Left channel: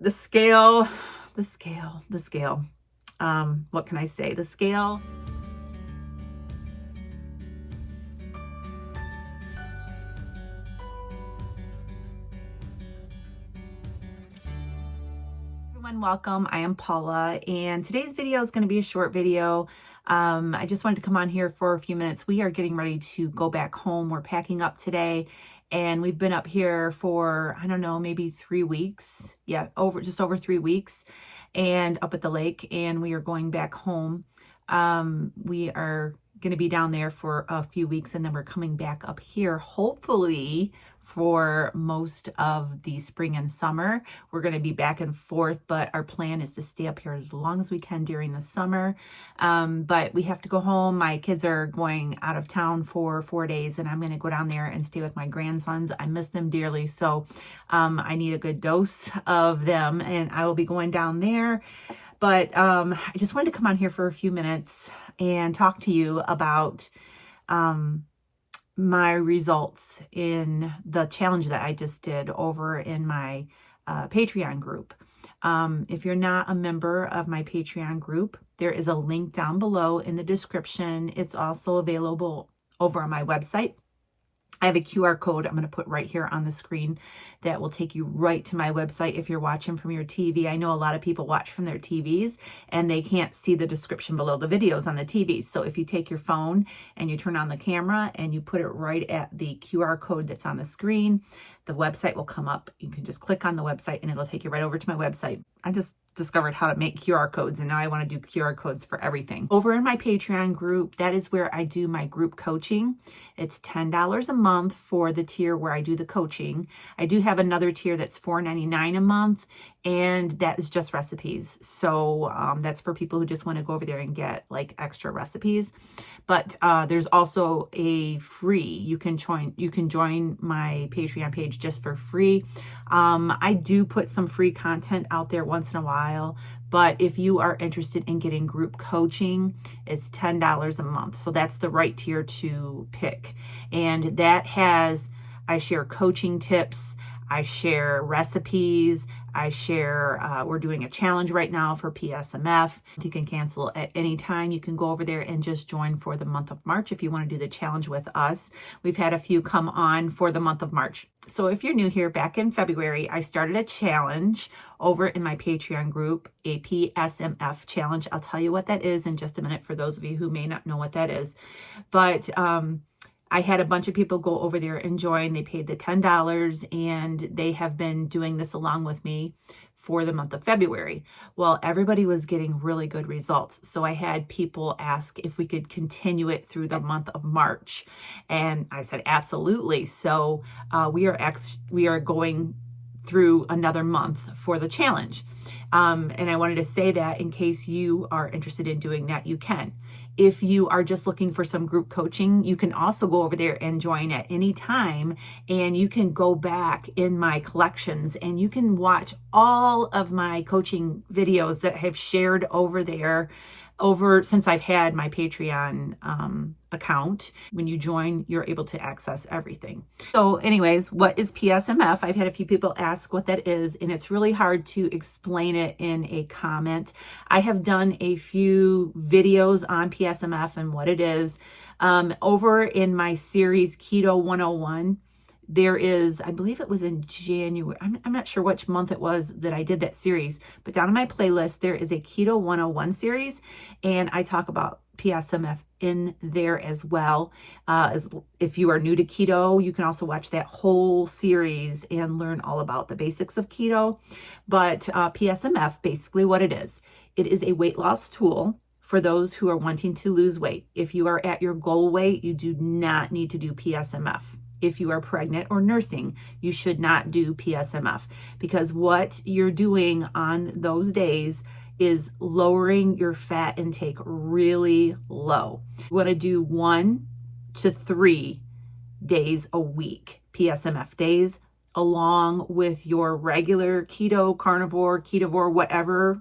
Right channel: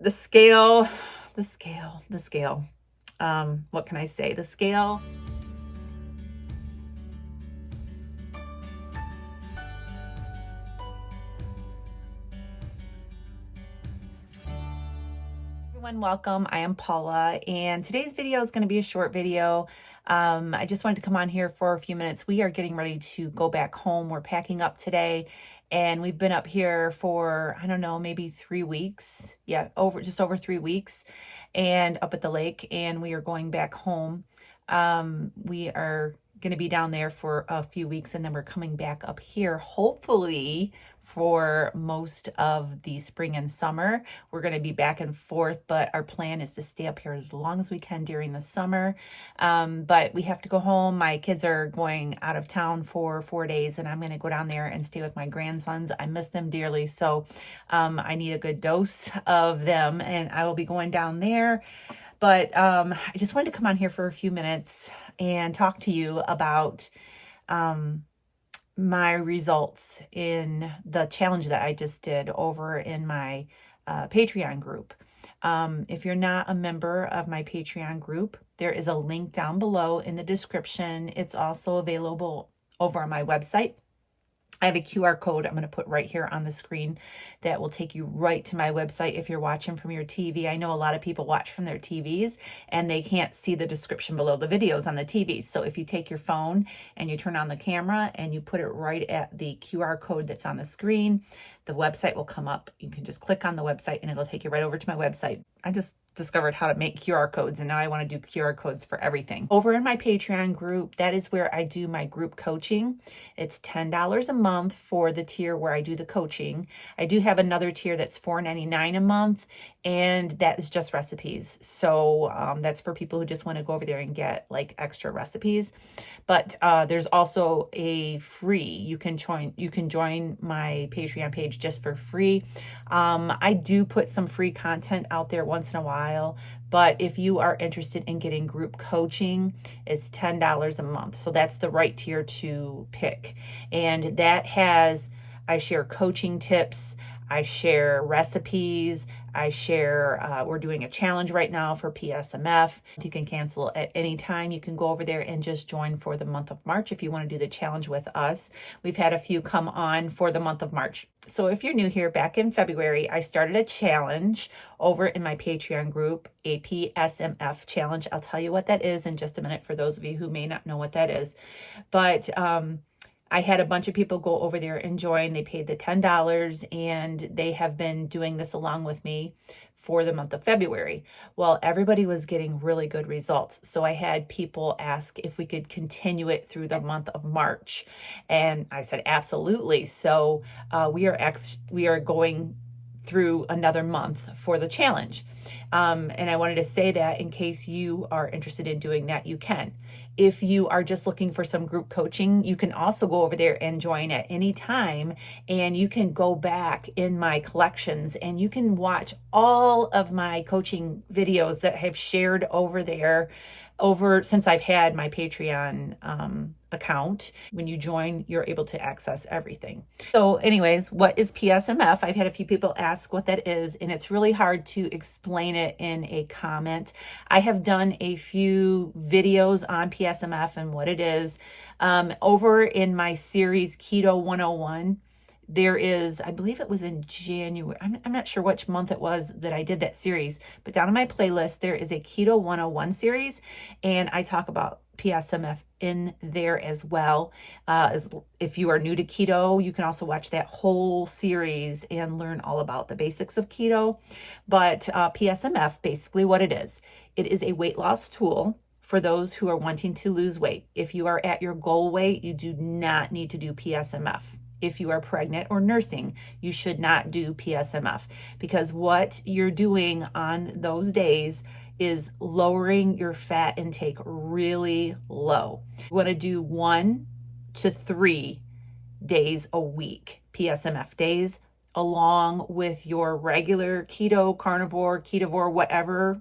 the scale, the scale. What can I say? The scale. Everyone, welcome. I am Paula, and today's video is going to be a short video. I just wanted to come on here for a few minutes. We are getting ready to go back home. We're packing up today, and we've been up here for, I don't know, maybe 3 weeks. Yeah, just over 3 weeks, and up at the lake, and we are going back home. We are going to be down there for a few weeks, and then we're coming back up here, hopefully for most of the spring and summer. We're going to be back and forth, but our plan is to stay up here as long as we can during the summer. But we have to go home. My kids are going out of town for 4 days, and I'm going to go down there and stay with my grandsons. I miss them dearly, so I need a good dose of them, and I will be going down there. But I just wanted to come on here for a few minutes and talk to you about my results in the challenge that I just did over in my Patreon group. If you're not a member of my Patreon group, there is a link down below in the description. It's also available over on my website. I have a QR code I'm going to put right here on the screen that will take you right to my website if you're watching from your TV. I know a lot of people watch from their TVs and they can't see the description below the videos on the TVs. So if you take your phone and you turn on the camera and you put it right at the QR code that's on the screen, the website will come up. You can just click on the website and it'll take you right over to my website. I just discovered how to make QR codes, and now I want to do QR codes for everything. Over in my Patreon group, that is where I do my group coaching. It's $10 a month for the tier where I do the coaching. I do have another tier that's $4.99 a month, and that is just recipes. So that's for people who just want to go over there and get like extra recipes. But there's also a free. You can join my Patreon page just for free. I do put some free content out there once in a while, but if you are interested in getting group coaching, it's $10 a month. So that's the right tier to pick. And that has, I share coaching tips, I share recipes, I share, we're doing a challenge right now for Psmf. You can cancel at any time. You can go over there and just join for the month of March if you want to do the challenge with us. We've had a few come on for the month of March. So if you're new here, back in February, I started a challenge over in my Patreon group, a Psmf challenge. I'll tell you what that is in just a minute for those of you who may not know what that is. But I had a bunch of people go over there and join. They paid the $10, and they have been doing this along with me for the month of February. Well, everybody was getting really good results. So I had people ask if we could continue it through the month of March. And I said, absolutely. So we are going through another month for the challenge. And I wanted to say that in case you are interested in doing that, you can. If you are just looking for some group coaching, you can also go over there and join at any time, and you can go back in my collections and you can watch all of my coaching videos that I have shared over there since I've had my Patreon account. When you join, you're able to access everything. So anyways, what is Psmf? I've had a few people ask what that is, and it's really hard to explain it in a comment. I have done a few videos on Psmf and what it is. Over in my series Keto 101, there is, I believe it was in January. I'm not sure which month it was that I did that series, but down in my playlist, there is a Keto 101 series, and I talk about Psmf in there as well. If you are new to keto, you can also watch that whole series and learn all about the basics of keto. But Psmf, basically what it is a weight loss tool for those who are wanting to lose weight. If you are at your goal weight, you do not need to do Psmf. If you are pregnant or nursing, you should not do Psmf, because what you're doing on those days is lowering your fat intake really low. You want to do 1 to 3 days a week, Psmf days, along with your regular keto, carnivore, ketovore, whatever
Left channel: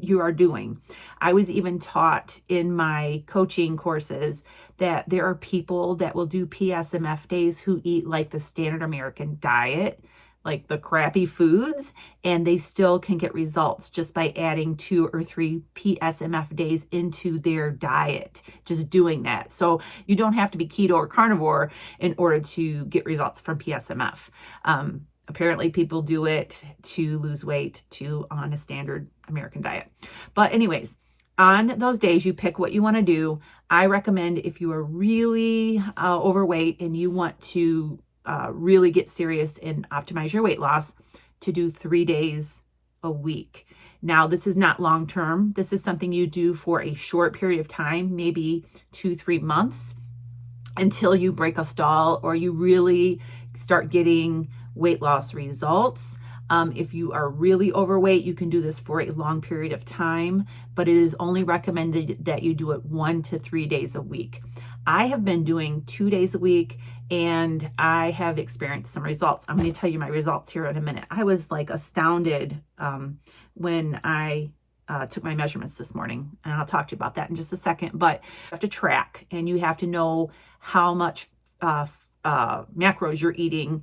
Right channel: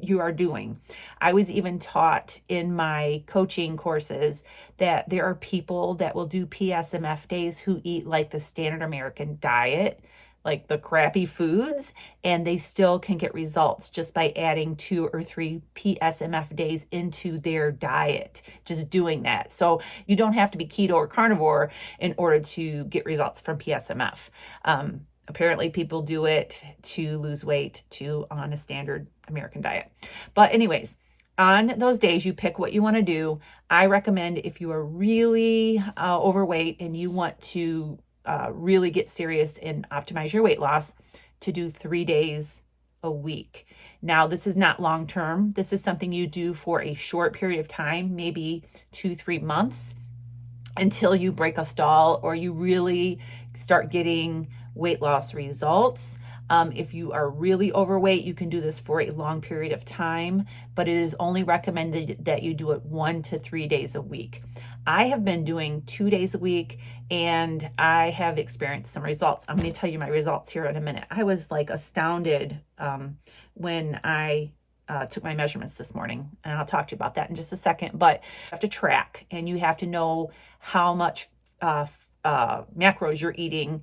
you are doing. I was even taught in my coaching courses that there are people that will do Psmf days who eat like the standard American diet, like the crappy foods, and they still can get results just by adding 2 or 3 PSMF days into their diet, just doing that. So you don't have to be keto or carnivore in order to get results from PSMF. Apparently people do it to lose weight too on a standard American diet. But anyways, on those days, you pick what you want to do. I recommend if you are really overweight and you want to really get serious and optimize your weight loss, to do 3 days a week. Now, this is not long term. This is something you do for a short period of time, maybe 2-3 months, until you break a stall or you really start getting weight loss results. If you are really overweight, you can do this for a long period of time, but it is only recommended that you do it 1 to 3 days a week. I have been doing 2 days a week and I have experienced some results. I'm going to tell you my results here in a minute. I was like astounded when I took my measurements this morning, and I'll talk to you about that in just a second. But you have to track and you have to know how much macros you're eating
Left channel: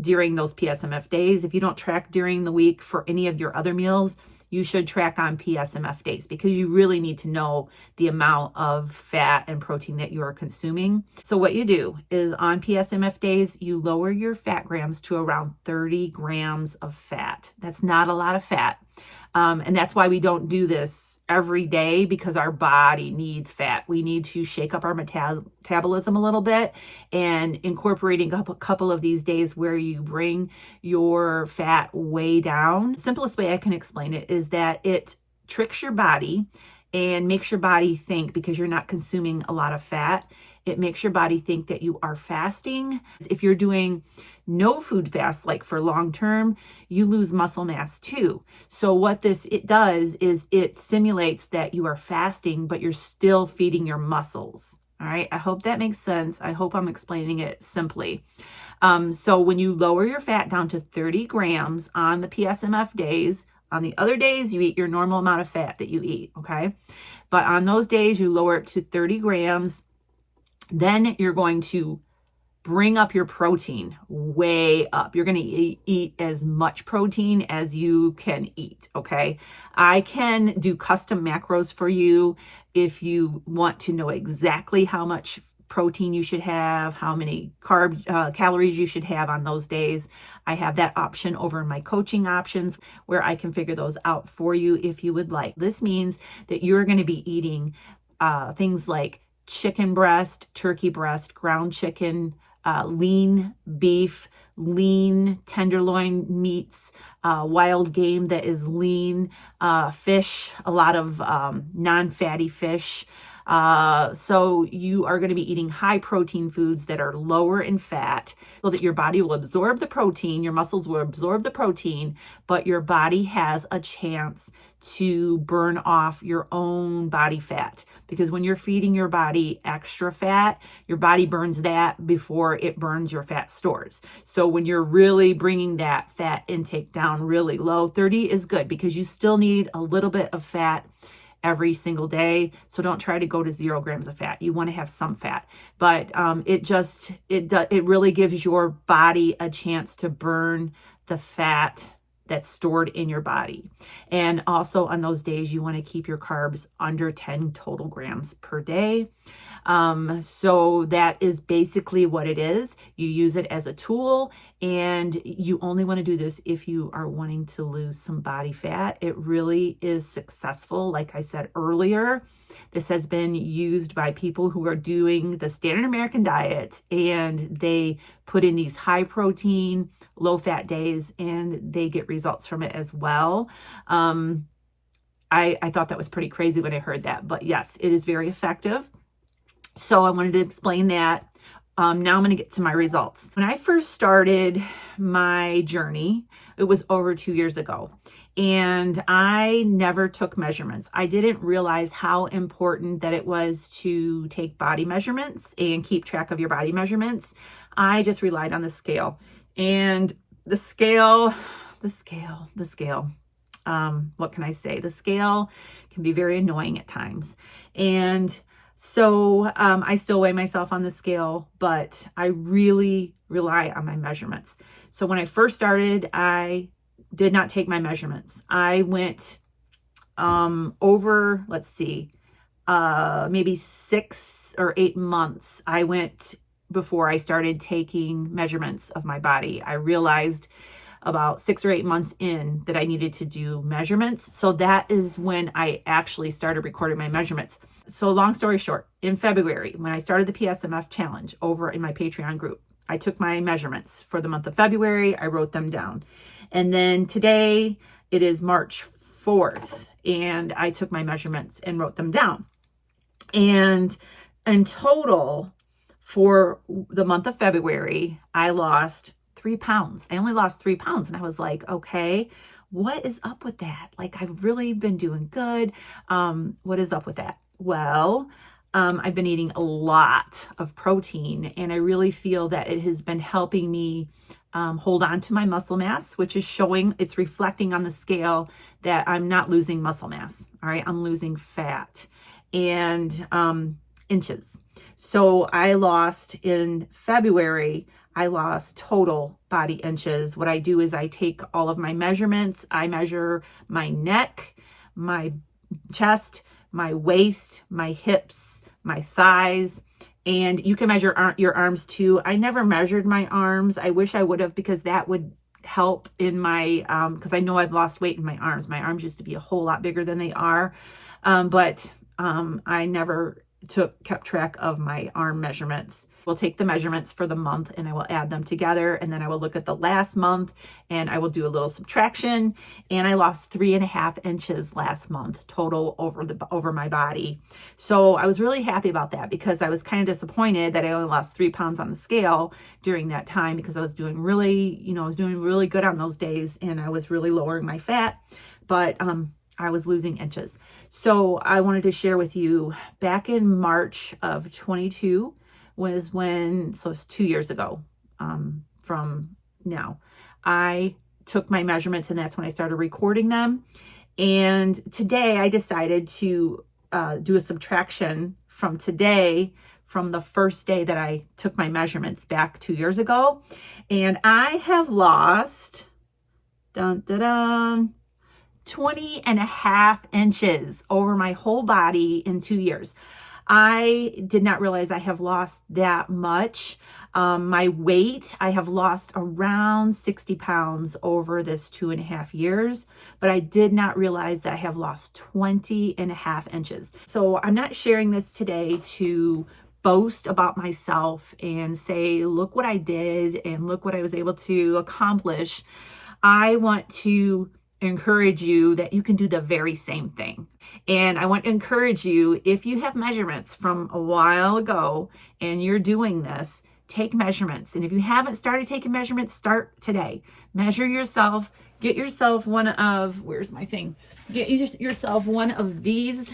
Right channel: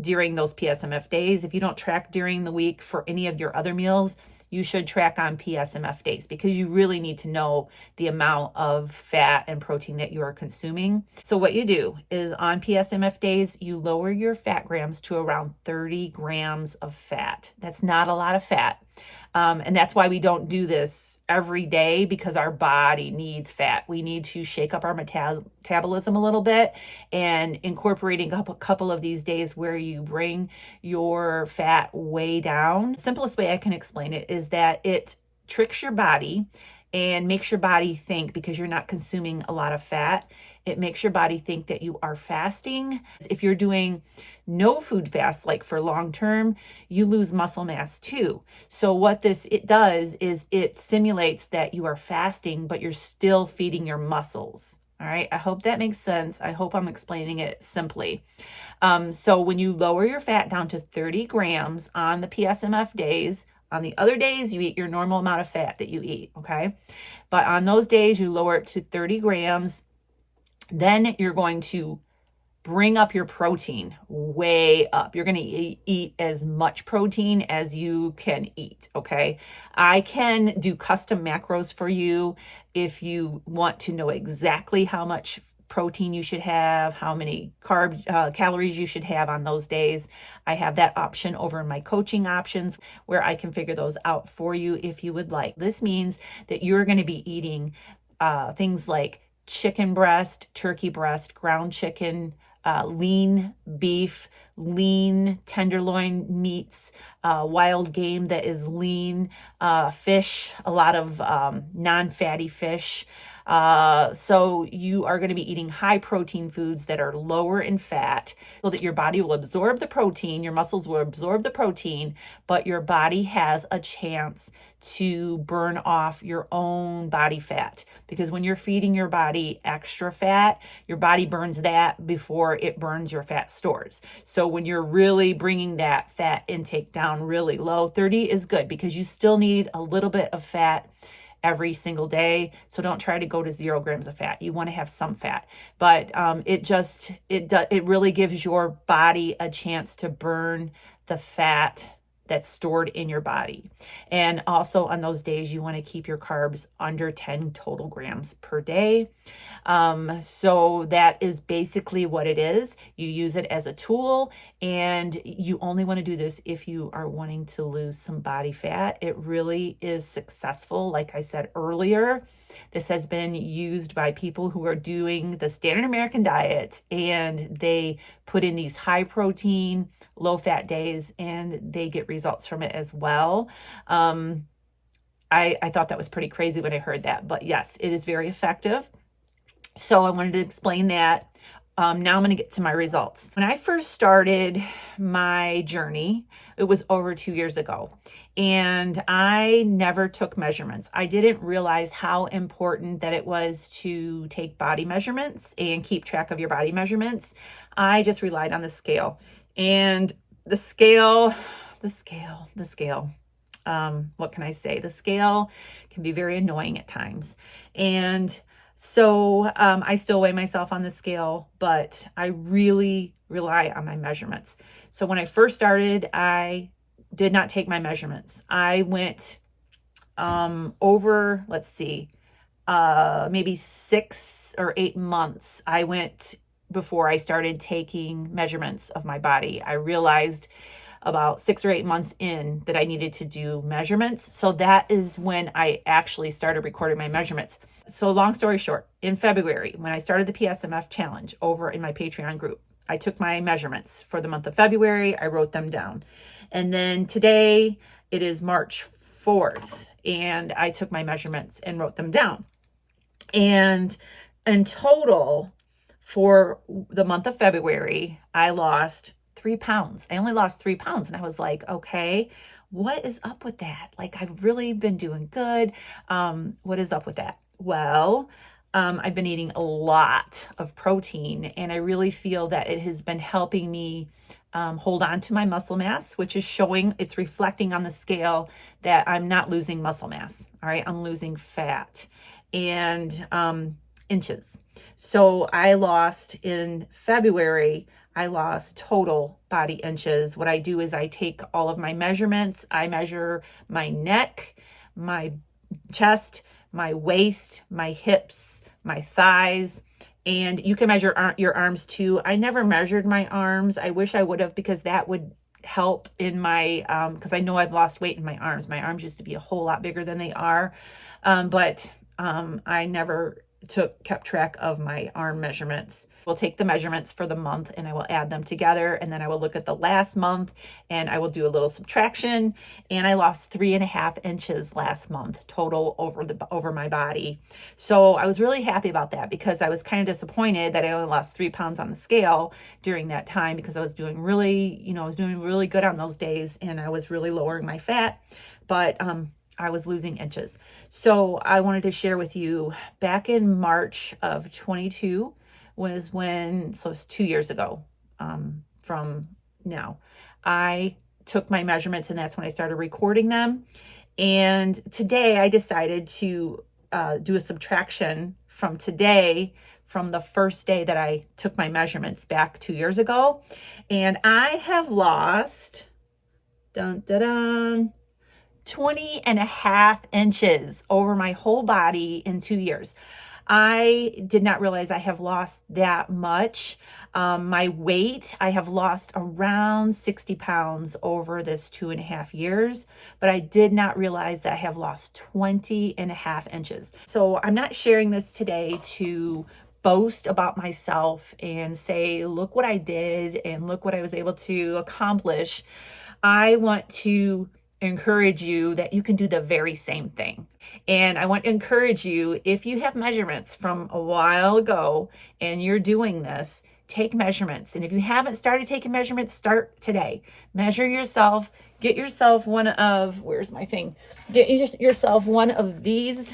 during those PSMF days. If you don't track during the week for any of your other meals, you should track on PSMF days, because you really need to know the amount of fat and protein that you are consuming. So what you do is on PSMF days, you lower your fat grams to around 30 grams of fat. That's not a lot of fat. And that's why we don't do this every day, because our body needs fat. We need to shake up our metabolism a little bit, and incorporating a couple of these days where you bring your fat way down. Simplest way I can explain it is that it tricks your body and makes your body think, because you're not consuming a lot of fat, it makes your body think that you are fasting. If you're doing no food fast, like for long term, you lose muscle mass too. So what it does is it simulates that you are fasting, but you're still feeding your muscles. All right. I hope that makes sense. I hope I'm explaining it simply. So when you lower your fat down to 30 grams on the PSMF days, on the other days, you eat your normal amount of fat that you eat. Okay. But on those days, you lower it to 30 grams. Then you're going to bring up your protein way up. You're going to eat as much protein as you can eat, okay? I can do custom macros for you if you want to know exactly how much protein you should have, how many calories you should have on those days. I have that option over in my coaching options, where I can figure those out for you if you would like. This means that you're going to be eating things like chicken breast, turkey breast, ground chicken, lean beef, lean tenderloin meats, wild game that is lean, fish, a lot of non-fatty fish. So you are going to be eating high protein foods that are lower in fat, so that your body will absorb the protein, your muscles will absorb the protein, but your body has a chance to burn off your own body fat. Because when you're feeding your body extra fat, your body burns that before it burns your fat stores. So when you're really bringing that fat intake down really low, 30 is good, because you still need a little bit of fat every single day. So don't try to go to 0 grams of fat. You want to have some fat, but it really gives your body a chance to burn the fat that's stored in your body. And also on those days, you want to keep your carbs under 10 total grams per day. So that is basically what it is. You use it as a tool, and you only want to do this if you are wanting to lose some body fat. It really is successful. Like I said earlier, this has been used by people who are doing the standard American diet, and they put in these high protein, low fat days, and they get results from it as well. I thought that was pretty crazy when I heard that, but yes, it is very effective. So I wanted to explain that. Now I'm going to get to my results. When I first started my journey, it was over 2 years ago, and I never took measurements. I didn't realize how important that it was to take body measurements and keep track of your body measurements. I just relied on the scale, and the scale, what can I say? The scale can be very annoying at times. And So I still weigh myself on the scale, but I really rely on my measurements. So when I first started, I did not take my measurements. I went over, let's see, maybe 6 or 8 months. I went before I started taking measurements of my body. I realized about 6 or 8 months in that I needed to do measurements. So that is when I actually started recording my measurements. So long story short, in February, when I started the Psmf challenge over in my Patreon group, I took my measurements for the month of February. I wrote them down. And then today it is March 4th, and I took my measurements and wrote them down. And in total, for the month of February, I lost 3 pounds. I only lost 3 pounds. And I was like, okay, what is up with that? Like, I've really been doing good. What is up with that? Well, I've been eating a lot of protein, and I really feel that it has been helping me hold on to my muscle mass, which is showing, it's reflecting on the scale that I'm not losing muscle mass. All right. I'm losing fat and inches. So I lost in February, I lost total body inches. What I do is I take all of my measurements. I measure my neck, my chest, my waist, my hips, my thighs, and you can measure your arms too. I never measured my arms. I wish I would have, because that would help in my, because I know I've lost weight in my arms. My arms used to be a whole lot bigger than they are, but I never kept track of my arm measurements. We'll take the measurements for the month and I will add them together, and then I will look at the last month and I will do a little subtraction. And I lost 3.5 inches last month total over my body. So I was really happy about that, because I was kind of disappointed that I only lost 3 pounds on the scale during that time, because I was doing really, I was doing really good on those days and I was really lowering my fat, but I was losing inches. So I wanted to share with you, back in March of 22 was when, so it's 2 years ago from now, I took my measurements, and that's when I started recording them. And today I decided to do a subtraction from today, from the first day that I took my measurements back 2 years ago. And I have lost, 20.5 inches over my whole body in 2 years. I did not realize I have lost that much. My weight, I have lost around 60 pounds over this 2.5 years, but I did not realize that I have lost 20.5 inches. So I'm not sharing this today to boast about myself and say, look what I did and look what I was able to accomplish. I want to encourage you that you can do the very same thing. And I want to encourage you, if you have measurements from a while ago and you're doing this, take measurements. And if you haven't started taking measurements, start today. Measure yourself. Get yourself one of, where's my thing? Get yourself one of these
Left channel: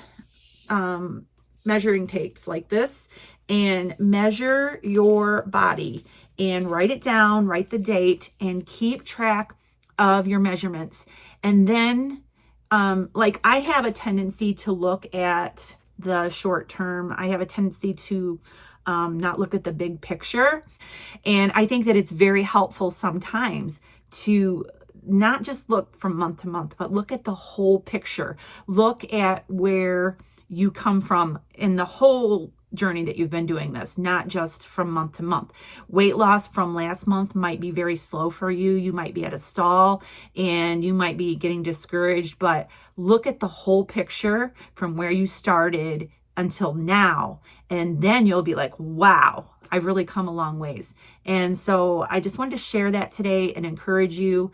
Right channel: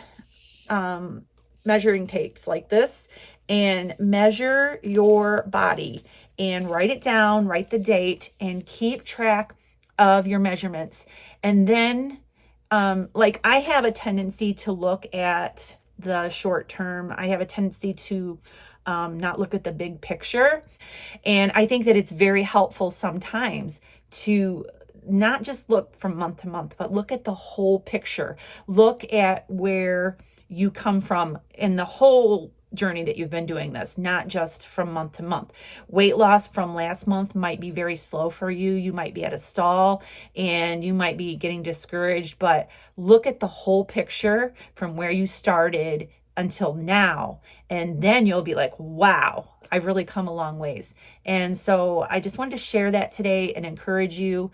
measuring tapes like this, and measure your body and write it down, write the date, and keep track of your measurements. And then like, I have a tendency to look at the short term. I have a tendency to not look at the big picture. And I think that it's very helpful sometimes to not just look from month to month, but look at the whole picture. Look at where you come from in the whole journey that you've been doing this, not just from month to month. Weight loss from last month might be very slow for you. You might be at a stall and you might be getting discouraged, but look at the whole picture from where you started until now. And then you'll be like, wow, I've really come a long ways. And so I just wanted to share that today and encourage you.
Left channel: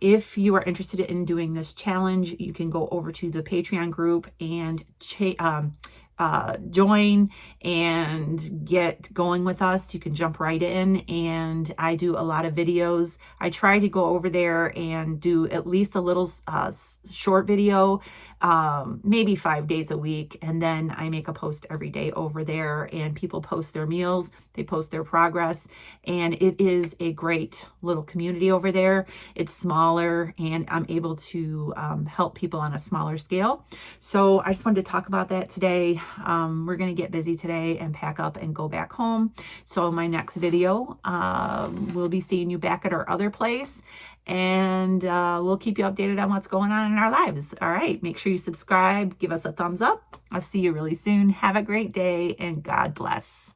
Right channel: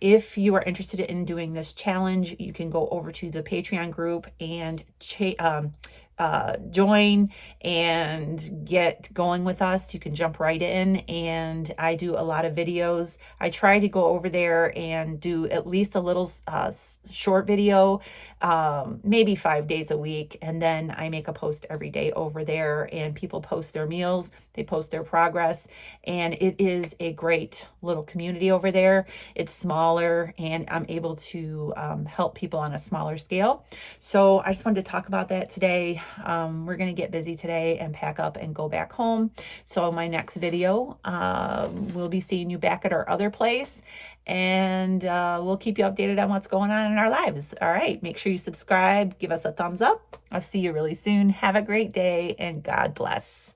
If you are interested in doing this challenge, you can go over to the Patreon group and join and get going with us. You can jump right in, and I do a lot of videos. I try to go over there and do at least a little short video, maybe 5 days a week, and then I make a post every day over there, and people post their meals, they post their progress, and it is a great little community over there. It's smaller, and I'm able to help people on a smaller scale. So I just wanted to talk about that today. we're going to get busy today and pack up and go back home. So my next video, we'll be seeing you back at our other place, and we'll keep you updated on what's going on in our lives. All right, make sure you subscribe, give us a thumbs up. I'll see you really soon. Have a great day, and God bless.